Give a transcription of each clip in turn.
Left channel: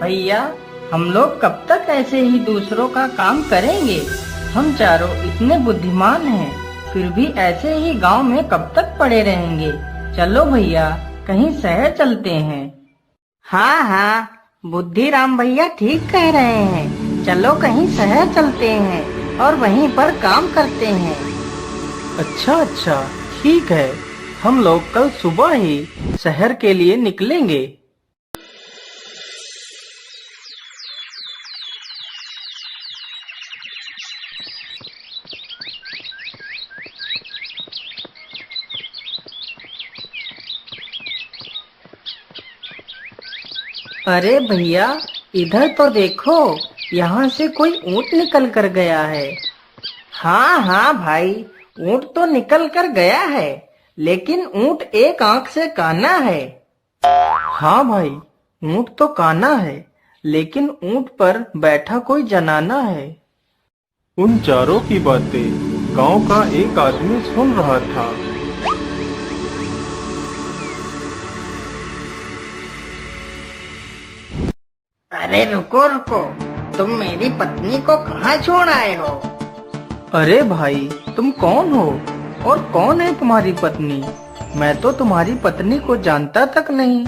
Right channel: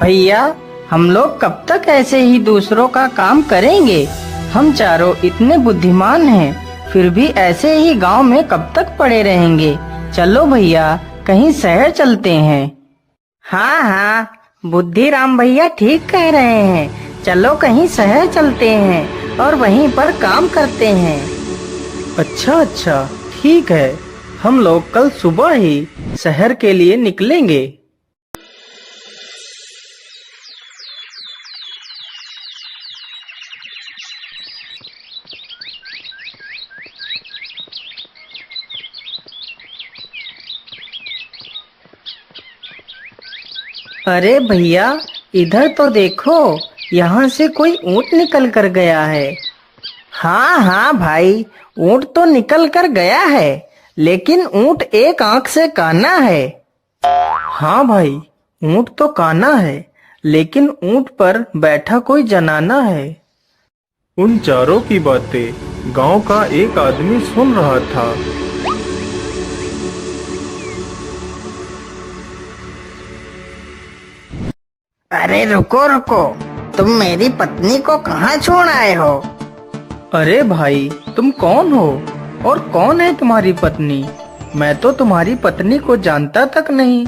भैया, हम लोग कब तक ऐसे ही दूसरों का काम करेंगे? हम चारों इतने बुद्धिमान हैं, फिर भी ऐसे ही गांव में कब तक पड़े रहेंगे? चलो भैया, कहीं शहर चलते हैं। हाँ हाँ, बुद्धिराम भैया ठीक कह रहे हैं। चलो कहीं शहर चलते हैं और वहीं पर काम करते हैं। अच्छा अच्छा, ठीक है। हम लोग कल सुबह ही शहर के लिए निकलेंगे। अरे भैया, इधर तो देखो, यहाँ से कोई ऊँट निकल कर गया है। हाँ हाँ भाई, ऊँट तो निकल कर गया है, लेकिन ऊँट एक आंख से काना है। हाँ भाई, ऊँट तो काना है, लेकिन ऊँट पर बैठा कोई जनाना है। उन चारों की बातें गांव का एक आदमी सुन रहा था। अरे रुको रुको, तुम मेरी पत्नी को कहाँ छोड़ आए हो? अरे भाई, तुम कौन हो और कौन है तुम्हारी पत्नी? मैं तो तुम्हारी पत्नी को जानता तक नहीं।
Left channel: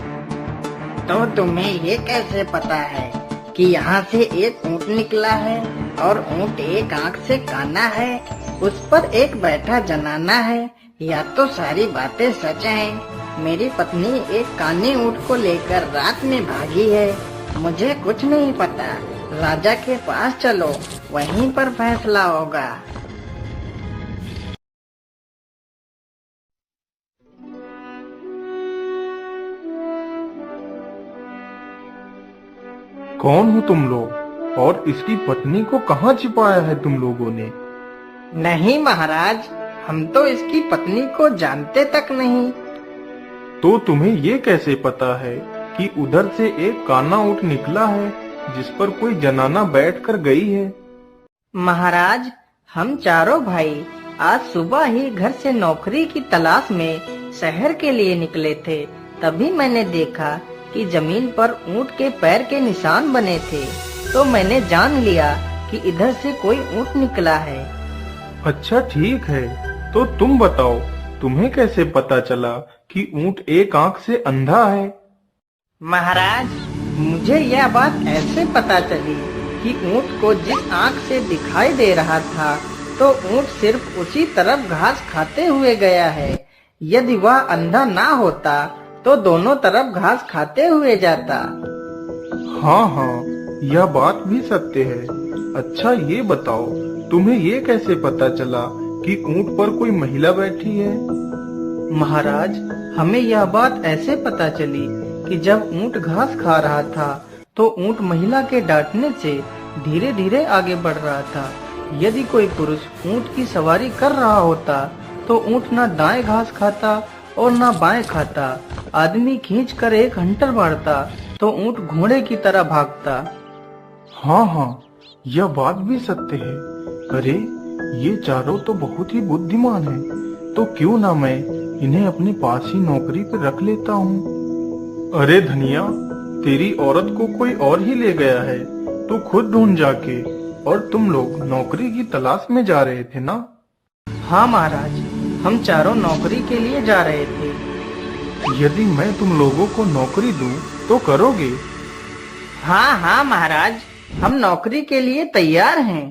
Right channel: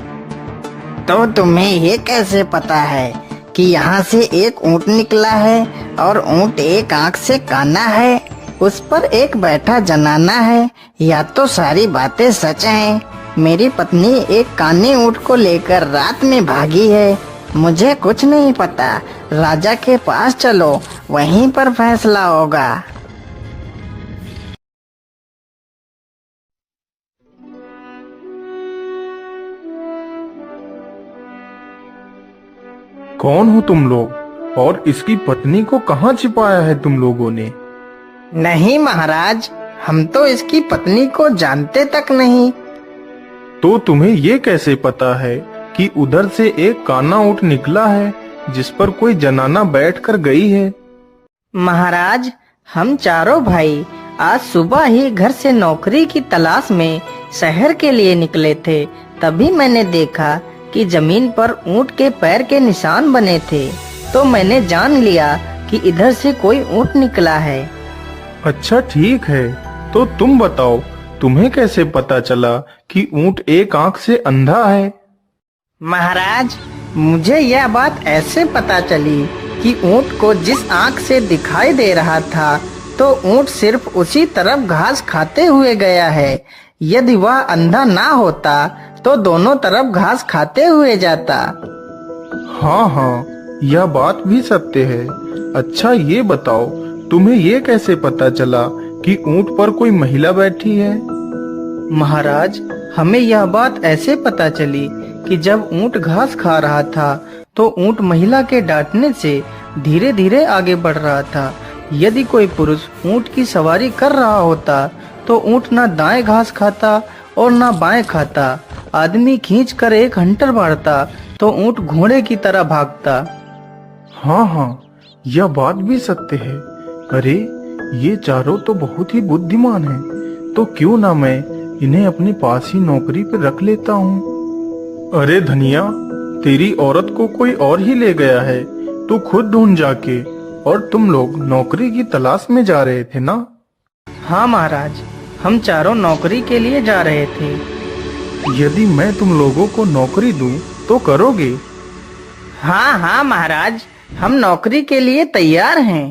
तो तुम्हें ये कैसे पता है कि यहाँ से एक ऊँट निकला है और ऊँट एक आँख से काना है, उस पर एक बैठा जनाना है? या तो सारी बातें सच हैं। मेरी पत्नी एक काने ऊँट को लेकर रात में भागी है। मुझे कुछ नहीं पता। राजा के पास चलो, वहीं पर फैसला होगा। कौन हो तुम लोग और इसकी पत्नी को कहाँ छिपाया है तुम लोगों ने? नहीं महाराज, हम तो इसकी पत्नी को जानते तक नहीं। तो तुम्हें ये कैसे पता है कि उधर से एक काना ऊँट निकला है जिस पर कोई जनाना बैठकर गई है? महाराज, हम चारों भाई आज सुबह ही घर से नौकरी की तलाश में शहर के लिए निकले थे। तभी मैंने देखा कि जमीन पर ऊँट के पैर के निशान बने थे, तो मैंने जान लिया कि इधर से कोई ऊँट निकला है। अच्छा ठीक है, तो तुम बताओ, तुम्हें कैसे पता चला कि ऊँट एक आंख से अंधा है? महाराज, मुझे यह बात ऐसे पता चली कि ऊँट को जिस आँख से दिखाई दे रहा था, तो ऊँट सिर्फ उसी तरफ घास खाते हुए गया है। यदि वह अंधा ना होता तो दोनों तरफ घास खाते हुए जाता। हाँ हाँ, यह बात भी सत्य है। अच्छा ये बताओ, तुम्हें ये कैसे पता चला कि ऊँट पर कोई महिला बैठी है? महाराज, हमें यह बात ऐसे पता चली कि जब ऊँट घास खा रहा था, तो ऊँट महिला के डांटने से धीरे धीरे आगे बढ़ रहा था। यदि कोई पुरुष ऊँट की सवारी कर रहा होता, तो ऊँट न दाएं घास खाता और न बाएं खाता। आदमी खींच कर एक हंटर मारता तो ऊँट घोड़े की तरह भागता। हाँ हाँ, यह बात भी सत्य है। अरे ये चारों तो बहुत ही बुद्धिमान हैं, तो क्यों ना मैं इन्हें अपने पास ही नौकरी पर रख लेता हूँ। अरे धनिया, तेरी औरत को कोई और ही ले गया है, तू खुद ढूंढ जाके। और तुम लोग नौकरी की तलाश में जा रहे थे ना? हाँ महाराज, हम चारों नौकरी के लिए जा रहे थे। यदि मैं तुम लोगों को नौकरी दूं तो करोगे? हाँ हाँ महाराज, हम नौकरी के लिए तैयार हैं।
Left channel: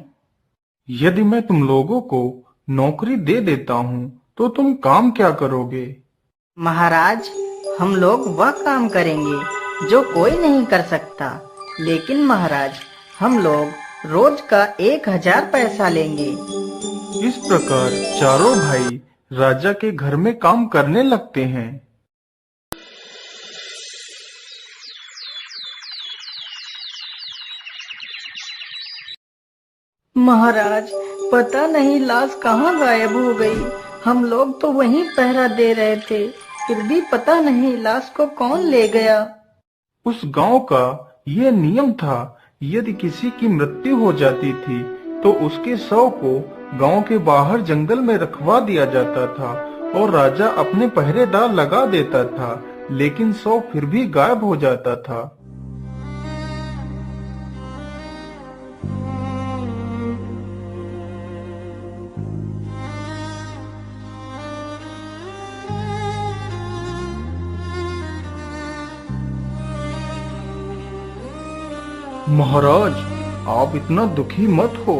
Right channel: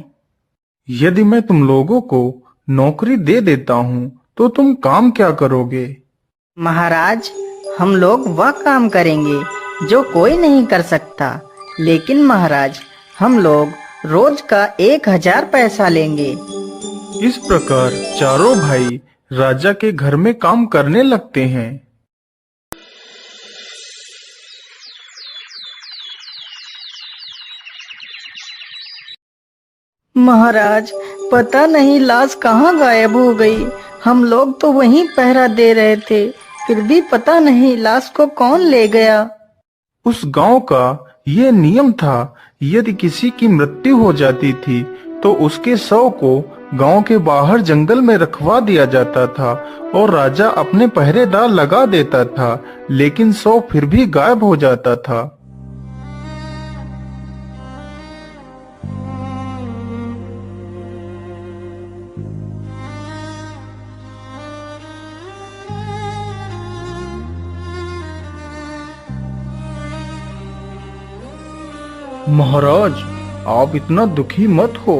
यदि मैं तुम लोगों को नौकरी दे देता हूँ तो तुम काम क्या करोगे? महाराज, हम लोग वह काम करेंगे जो कोई नहीं कर सकता। लेकिन महाराज, हम लोग रोज का 1000 पैसा लेंगे। इस प्रकार चारों भाई राजा के घर में काम करने लगते हैं। महाराज, पता नहीं लाश कहाँ गायब हो गई। हम लोग तो वहीं पहरा दे रहे थे, फिर भी पता नहीं लाश को कौन ले गया। उस गांव का ये नियम था, यदि किसी की मृत्यु हो जाती थी तो उसके शव को गांव के बाहर जंगल में रखवा दिया जाता था और राजा अपने पहरेदार लगा देता था, लेकिन शव फिर भी गायब हो जाता था। महाराज, आप इतना दुखी मत हो।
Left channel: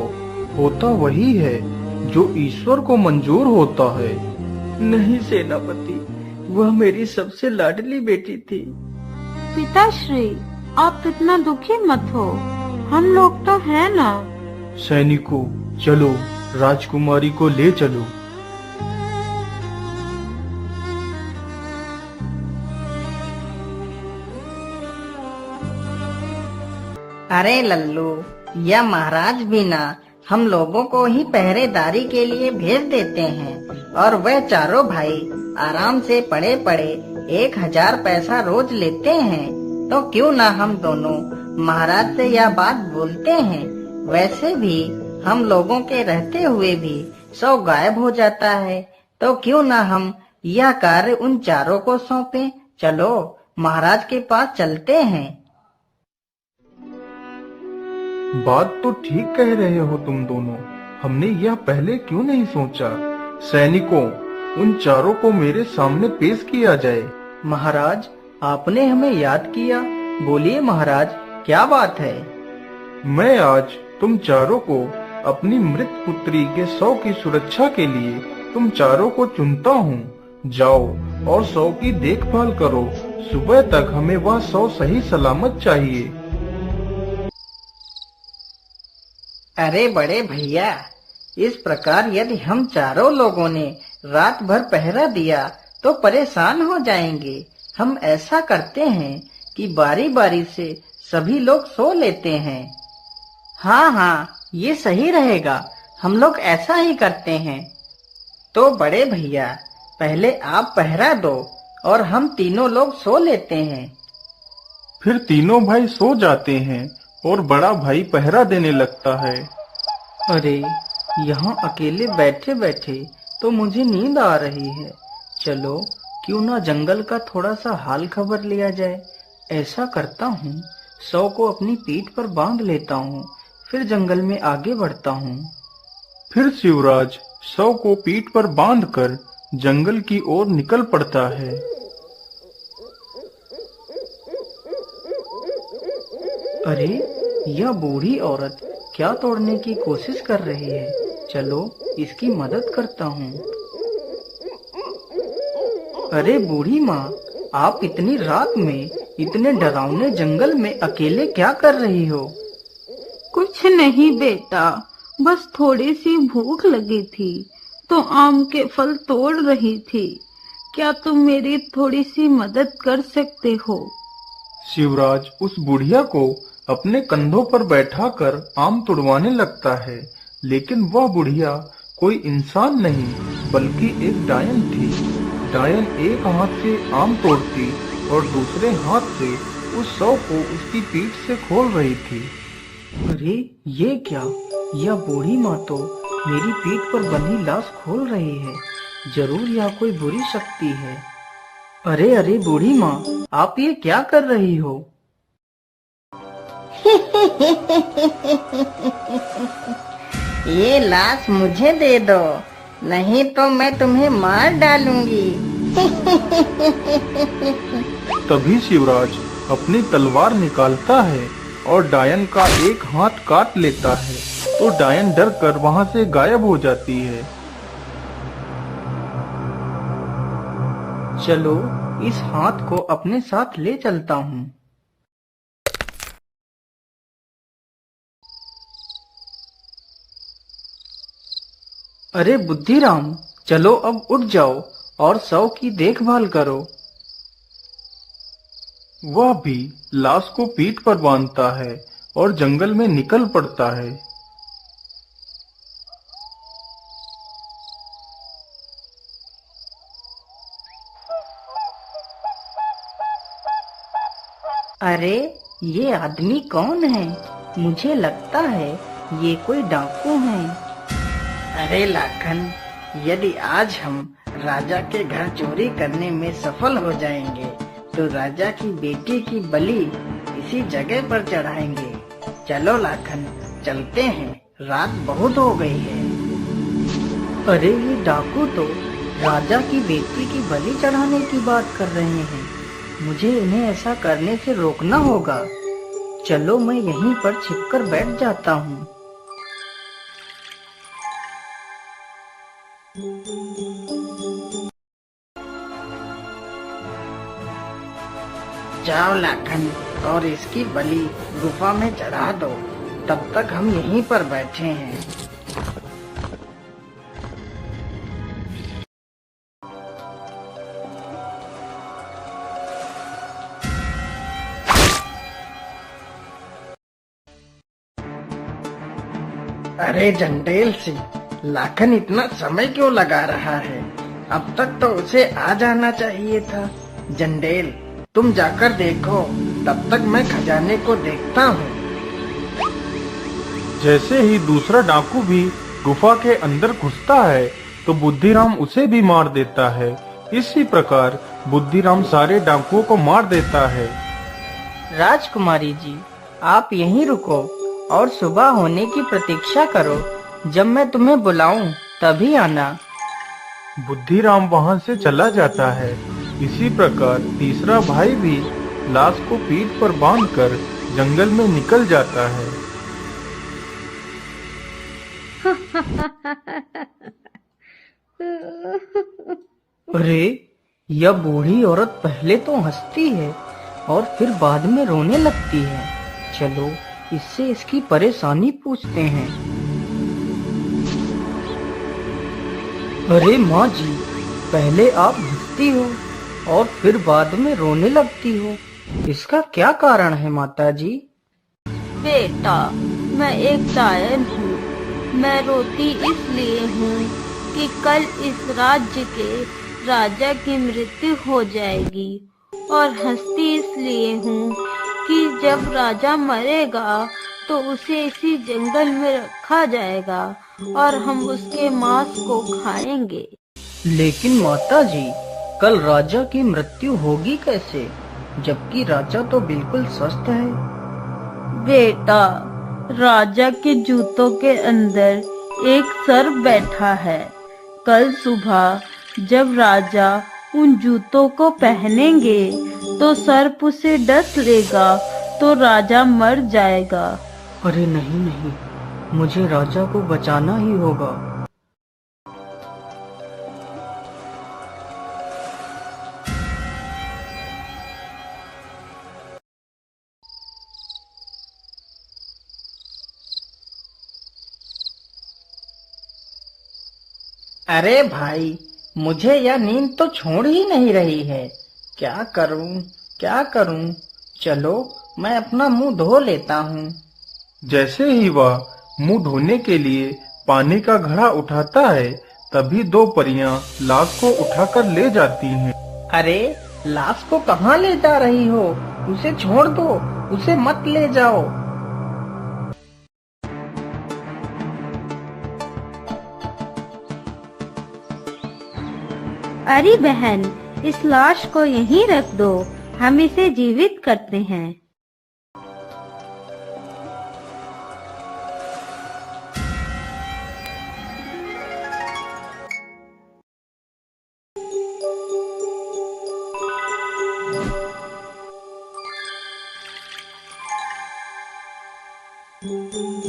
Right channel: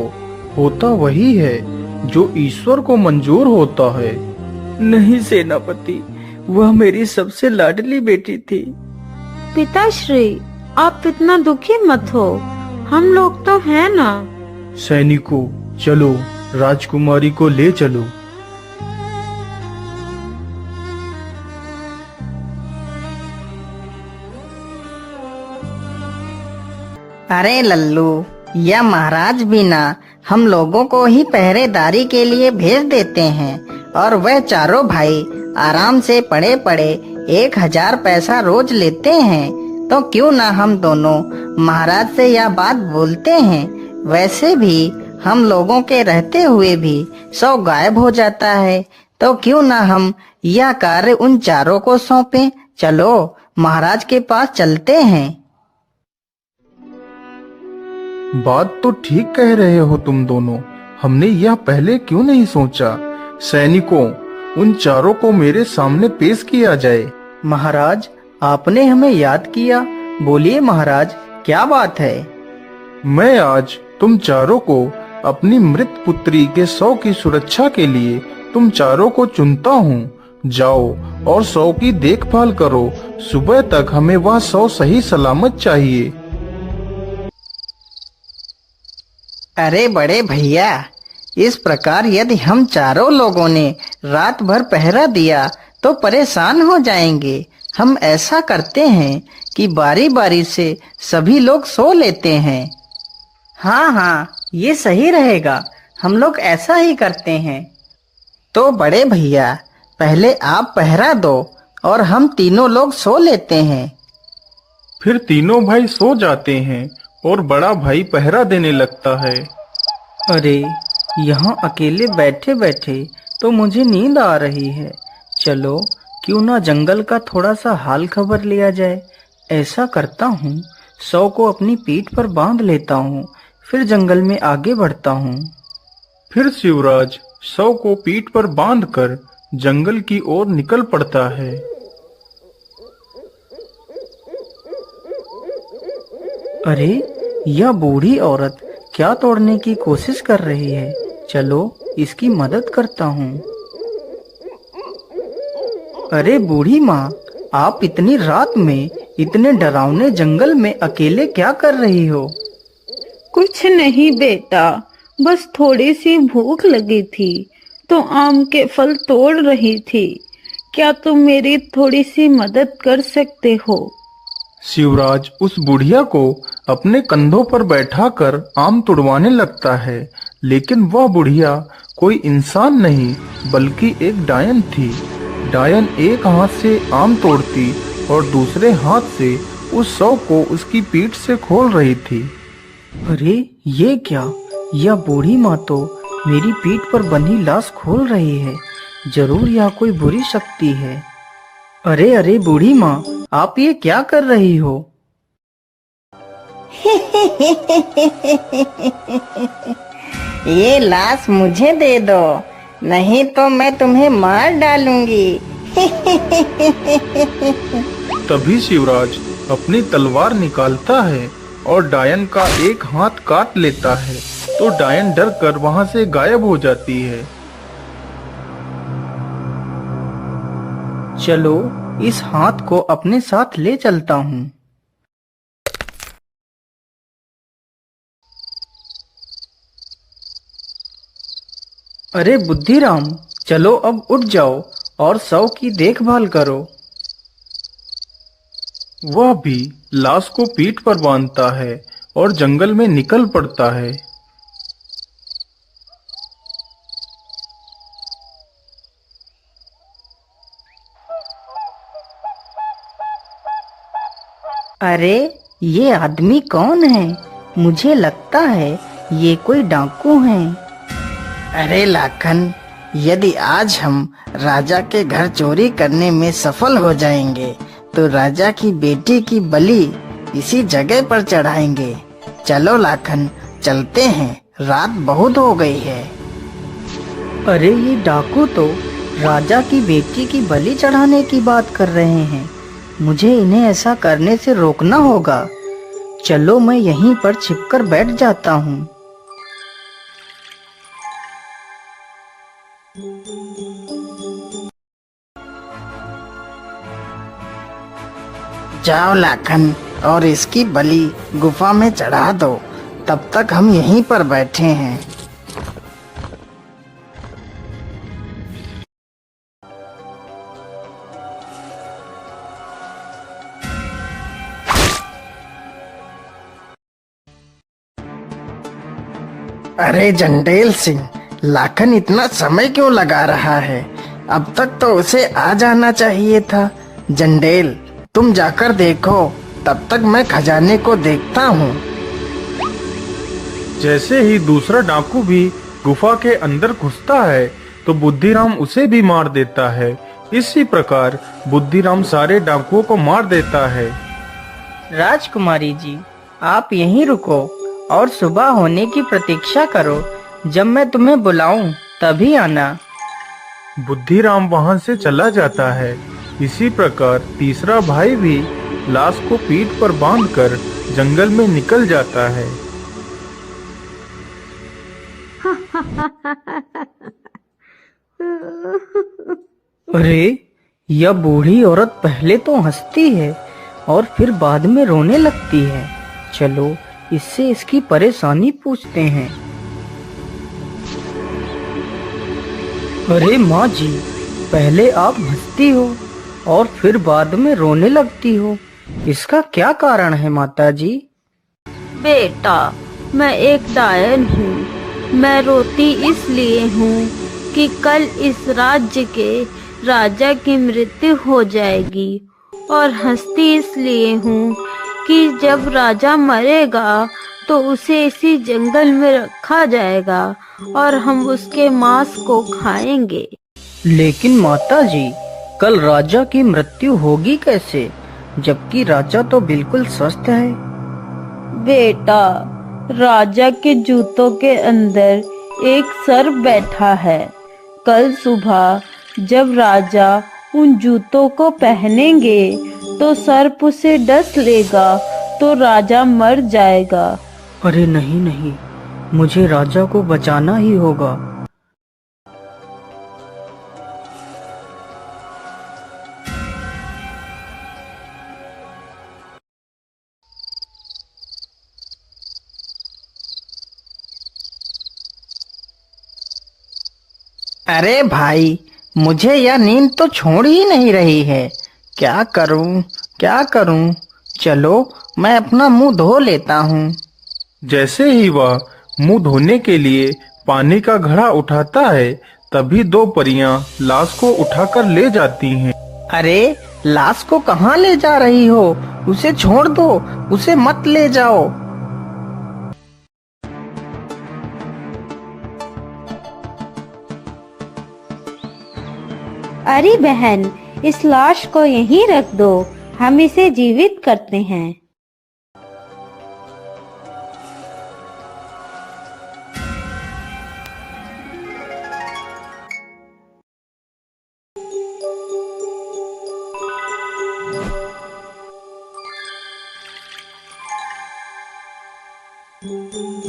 होता वही है जो ईश्वर को मंजूर होता है। नहीं सेनापति, वह मेरी सबसे लाडली बेटी थी। पिताश्री, आप इतना दुखी मत हो, हम लोग तो हैं ना। सैनिकों, चलो राजकुमारी को ले चलो। अरे लल्लू, यह महाराज भी ना हम लोगों को ही पहरेदारी के लिए भेज देते हैं, और वह चारों भाई आराम से पड़े पड़े 1000 पैसा रोज लेते हैं। तो क्यों ना हम दोनों महाराज से यह बात बोलते हैं। वैसे भी हम लोगों के रहते हुए भी 100 गायब हो जाता है, तो क्यों ना हम यह कार्य उन चारों को सौंपें। चलो महाराज के पास चलते हैं। बात तो ठीक कह रहे हो तुम दोनों। हमने यह पहले क्यों नहीं सोचा। सैनिकों, उन चारों को मेरे सामने पेश किया जाए। महाराज, आपने हमें याद किया। बोलिए महाराज, क्या बात है। मैं आज तुम चारों को अपनी मृत पुत्री के 100 की सुरक्षा के लिए तुम चारों को चुनता हूँ। जाओ और 100 की देखभाल करो। सुबह तक हमें वह 100 सही सलामत चाहिए। अरे बड़े भैया, इस प्रकार यदि हम चारों लोगों ने रात भर पहरा दिया तो परेशान हो जाएंगे। हम ऐसा करते हैं कि बारी बारी से सभी लोग सो लेते हैं। हाँ हाँ, ये सही रहेगा। हम लोग ऐसा ही करते हैं। तो बड़े भैया, पहले आप पहरा दो और हम तीनों लोग सो लेते हैं। फिर तीनों भाई सो जाते हैं और बड़ा भाई पहरा देने लगता है। अरे, यहाँ अकेले बैठे बैठे तो मुझे नींद आ रही है। चलो क्यों ना जंगल का थोड़ा सा हाल खबर लिया जाए। ऐसा करता हूँ, 100 को अपनी पीठ पर बांध लेता हूँ, फिर जंगल में आगे बढ़ता हूँ। फिर शिवराज 100 को पीठ पर बांधकर जंगल की ओर निकल पड़ता है। अरे, यह बूढ़ी औरत क्या तोड़ने की कोशिश कर रही है। चलो इसकी मदद करता हूँ। अरे बूढ़ी माँ, आप इतनी रात में इतने डरावने जंगल में अकेले क्या कर रही हो। कुछ नहीं बेटा, बस थोड़ी सी भूख लगी थी तो आम के फल तोड़ रही थी। क्या तुम मेरी थोड़ी सी मदद कर सकते हो। शिवराज उस बुढ़िया को अपने कंधों पर बैठाकर आम तुड़वाने लगता है, लेकिन वह बुढ़िया कोई इंसान नहीं बल्कि एक डायन थी। डायन एक हाथ से आम तोड़ती और दूसरे हाथ से उस 100 को उसकी पीठ से खोल रही थी। अरे ये क्या, यह बूढ़ी माँ तो मेरी पीठ पर बंधी लाश खोल रही है। जरूर यह कोई बुरी शक्ति है। अरे अरे बूढ़ी माँ, आप ये क्या कर रही हो। ये लाश मुझे दे दो, नहीं तो मैं तुम्हें मार डालूंगी। तभी शिवराज अपनी तलवार निकालता है और डायन का एक हाथ काट लेता है, तो डायन डर कर वहाँ से गायब हो जाती है। चलो इस हाथ को अपने साथ ले चलता हूँ। अरे बुद्धिराम, चलो अब उठ जाओ और 100 की देखभाल करो। वह भी लाश को पीठ पर बांधता है और जंगल में निकल पड़ता है। अरे ये आदमी कौन है। मुझे लगता है ये कोई डाकू हैं। अरे लाखन, यदि आज हम राजा के घर चोरी करने में सफल हो जाएंगे तो राजा की बेटी की बलि इसी जगह पर चढ़ाएंगे। चलो लाखन, चलते हैं, रात बहुत हो गई है। अरे ये डाकू तो राजा की बेटी की बलि चढ़ाने की बात कर रहे हैं। मुझे इन्हें ऐसा करने से रोकना होगा। चलो मैं यहीं पर छिपकर बैठ जाता हूँ। जाओ लाखन, और इसकी बलि गुफा में चढ़ा दो। तब तक हम यहीं पर बैठे हैं। अरे जंडेल सिंह, लाखन इतना समय क्यों लगा रहा है? अब तक तो उसे आ जाना चाहिए था। जंडेल, तुम जाकर देखो, तब तक मैं खजाने को देखता हूँ। जैसे ही दूसरा डाकू भी गुफा के अंदर घुसता है तो बुद्धिराम उसे भी मार देता है। इसी प्रकार बुद्धिराम सारे डाकुओं को मार देता है। राजकुमारी जी, आप यहीं रुको और सुबह होने की प्रतीक्षा करो। जब मैं तुम्हें बुलाऊं तभी आना। बुद्धिराम वहां से चला जाता है। इसी प्रकार तीसरा भाई भी लाश को पीठ पर बांधकर जंगल में निकल जाता है। अरे, यह बूढ़ी औरत पहले तो हंसती है और फिर बाद में रोने लगती है। चलो इससे इसकी परेशानी पूछते हैं। अरे माँ जी, पहले आप हंसती हो और फिर बाद में रोने लगती हो, इसका क्या कारण है माता जी? बेटा, मैं एक डायन हूँ। मैं रोती इसलिए हूँ कि कल इस राज्य के राजा की मृत्यु हो जाएगी, और हंसती इसलिए हूँ कि जब राजा मरेगा तो उसे इसी जंगल में रखा जाएगा और हम उसके मांस को खाएंगे। लेकिन माता जी, कल राजा की मृत्यु होगी कैसे, जबकि राजा तो बिल्कुल स्वस्थ है? बेटा, राजा के जूतों के अंदर एक सर्प बैठा है। कल सुबह जब राजा उन जूतों को पहनेंगे तो सर्प उसे डस लेगा तो राजा मर जाएगा। अरे नहीं नहीं, मुझे राजा को बचाना ही होगा। अरे भाई, मुझे यह नींद तो छोड़ ही नहीं रही है। क्या करूं, क्या करूं? चलो मैं अपना मुंह धो लेता हूँ। जैसे ही वह मुंह धोने के लिए पानी का घड़ा उठाता है, तभी दो परियां लाश को उठाकर ले जाती हैं। अरे, लाश को कहाँ ले जा रही हो? उसे छोड़ दो, उसे मत ले जाओ। अरे बहन, इस लाश को यहीं रख दो, हम इसे जीवित करते हैं।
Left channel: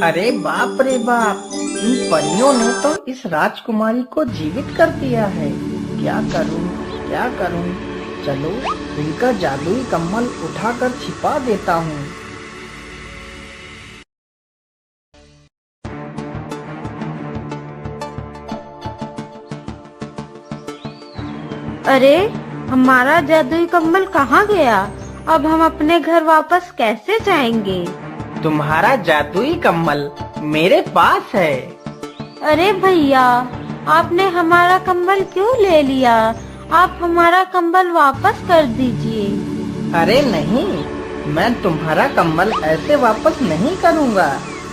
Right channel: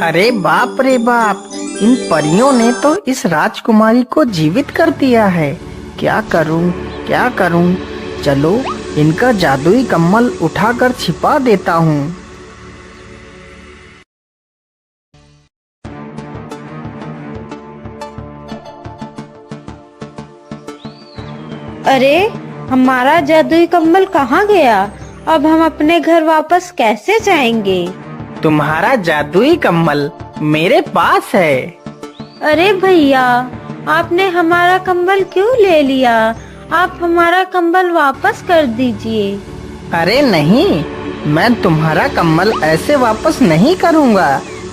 अरे बाप रे बाप, इन परियों ने तो इस राजकुमारी को जीवित कर दिया है। क्या करूं, क्या करूं? चलो इनका जादुई कम्बल उठाकर छिपा देता हूँ। अरे, हमारा जादुई कम्बल कहाँ गया? अब हम अपने घर वापस कैसे जाएंगे? तुम्हारा जादुई कम्बल मेरे पास है। अरे भैया, आपने हमारा कंबल क्यों ले लिया? आप हमारा कंबल वापस कर दीजिए। अरे नहीं, मैं तुम्हारा कम्बल ऐसे वापस नहीं करूँगा।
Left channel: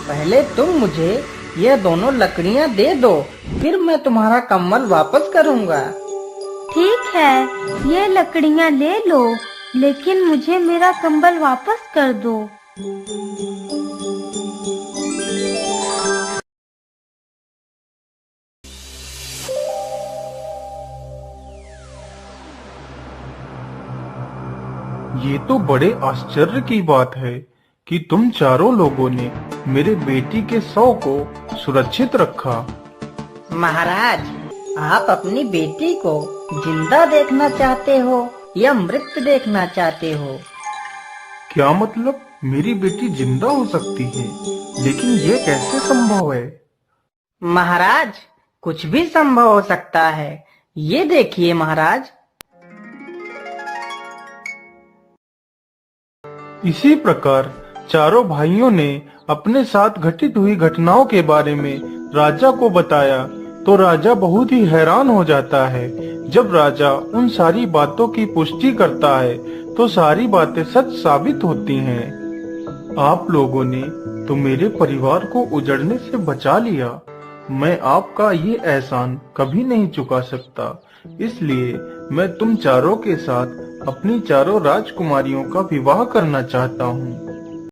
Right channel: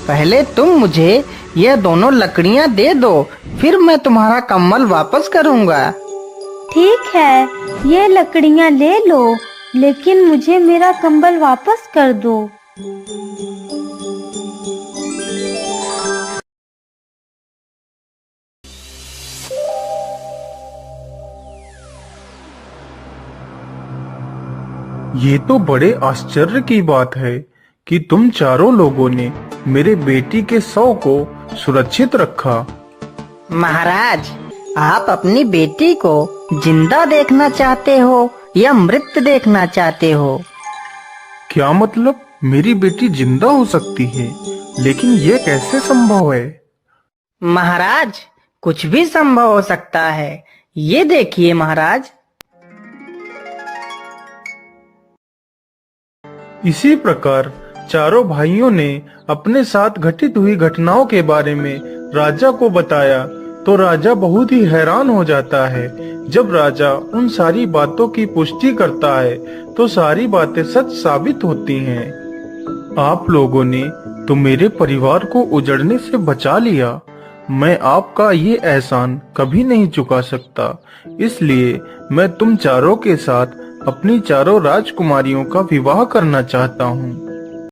पहले तुम मुझे ये दोनों लकड़ियाँ दे दो, फिर मैं तुम्हारा कम्बल वापस करूँगा। ठीक है, ये लकड़ियाँ ले लो, लेकिन मुझे मेरा कंबल वापस कर दो। ये तो बड़े आश्चर्य की बात है कि तुम चारों लोगों ने मेरे बेटी के शव को सुरक्षित रखा। महाराज, आप अपनी बेटी को जिंदा देखना चाहते हो या मृत देखना चाहते हो? क्या मतलब? मेरी बेटी जिंदा हो सकती है, लेकिन ये कैसे संभव है? महाराज, कुछ भी संभव हो सकता है। ये देखिए महाराज। इसी प्रकार चारों भाइयों ने अपने साथ घटित हुई घटनाओं के बारे में राजा को बताया, तो राजा बहुत ही हैरान हो जाता है। जब राजा उन सारी बातों की पुष्टि करता है तो सारी बातें सच साबित होती हैं। आप लोगों ने तो मेरे परिवार को उजड़ने से बचा लिया। मैं आपका ये एहसान कभी नहीं चुका सकता, इसलिए मैं तुम चारों के साथ अपनी चारों राजकुमारियों का विवाह करना चाहता हूँ।